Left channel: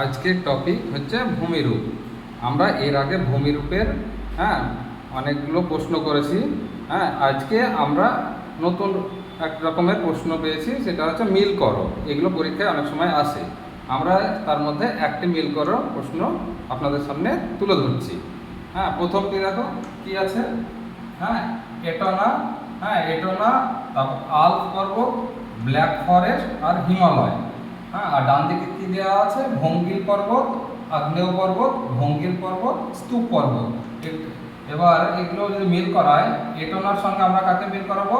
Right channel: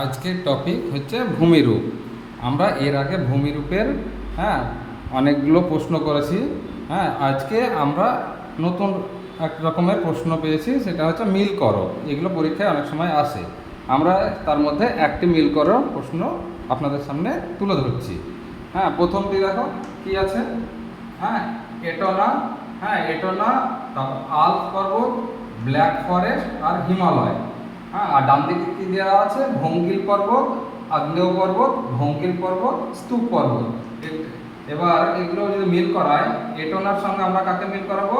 আজকের টপিক হচ্ছে ভূমিরূপ। আমরা এর আগে ভূমিরূপের অনেকগুলো প্রশ্ন করেছি। আজকে আমরা নতুন এক রকমের প্রশ্ন পেয়েছি, সেটা হচ্ছে মিল করো। এগুলো পরীক্ষায় অনেক সময় আসে। আমরা তার মধ্যে একটি মিল করো প্রশ্ন আপনাদের সামনে তুলে ধরছি। প্রথমটি দেখো কি আছে। এটনা, এটনা, তারপর আল্প পর্বত, ব্ল্যাক ফরেস্ট আর হিমালয়। আর ডান দিকে কি দেওয়া আছে? ভঙ্গিল পর্বত, আগ্নেয় পর্বত, ভঙ্গিল পর্বত, স্তূপ পর্বত। এবার এগুলো যদি মিল করাই, এটনার সঙ্গে আমরা কাকে মিল করাবো?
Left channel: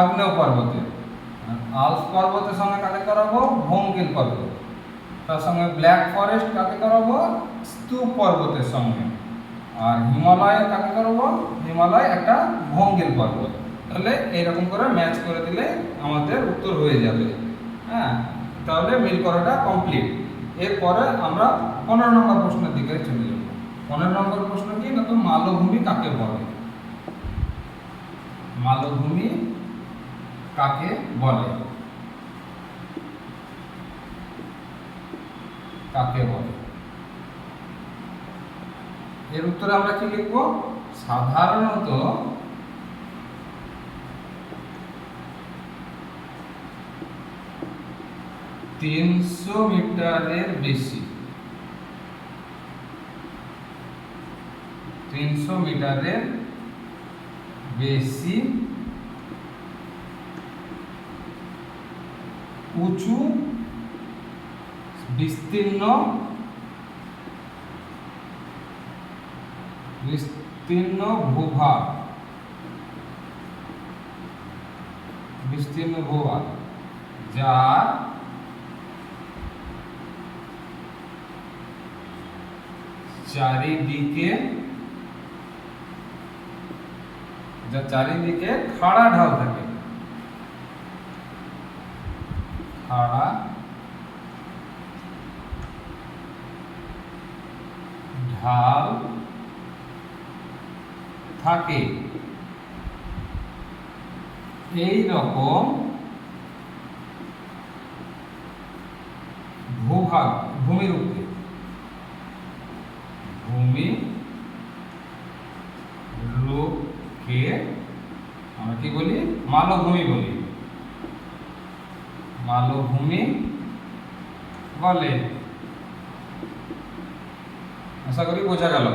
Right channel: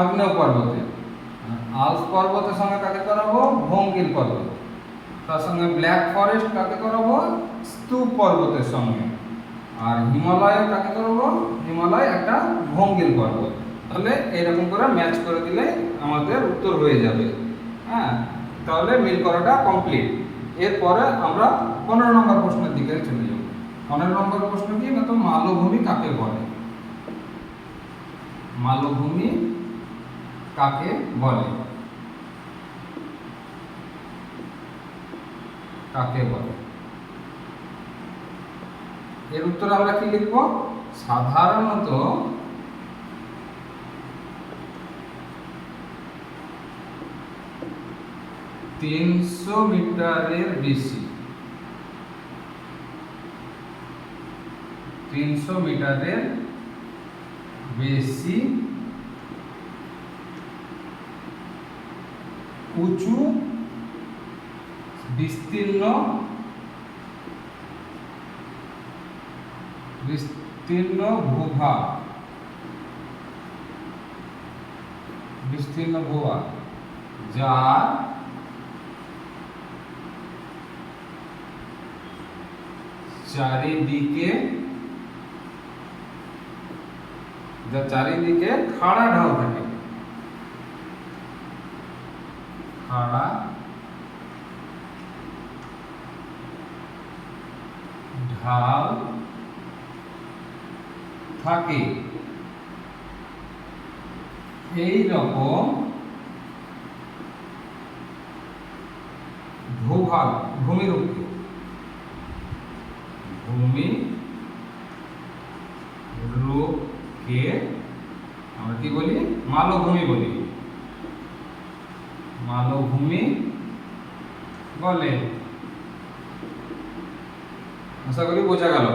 আগ্নেয় পর্বতে। আল্প পর্বতের সঙ্গে কাকে করাবো? ভঙ্গিল পর্বত। তার সঙ্গে ব্ল্যাক ফরেস্ট কাকে করাবো? স্তূপ পর্বতের সঙ্গে। আর হিমালয় কাকে করাবো? হিমালয় একটা ভঙ্গিল পর্বত। তাহলে এইরকম করে ম্যাচ করে দিলে আমাদের উত্তর হয়ে যাবে। তাহলে মিল করাটা কমপ্লিট। এরপরে আমরা 15 নম্বর প্রশ্নের দিকে চলে যাব। 15 নম্বর প্রশ্ন কি না, তো মালভূমি কাকে বলে? মালভূমি কাকে বলে? কাকে বলে? এর উত্তরে আমরা কি লিখব? সাধারণত তিনশো মিটারের বেশি, 300 মিটারের বেশি উঁচু বিস্তীর্ণ ভূভাগ, বিস্তীর্ণ ভূভাগ যা চারিদিকে খাড়া ঢাল থাকে। খাড়া ঢাল থাকে, এই রকম ভূভাগ ভূমিরূপকে আমরা কি বলি? মালভূমি বলি। মালভূমি বলে। আশা করি বোঝা গেল।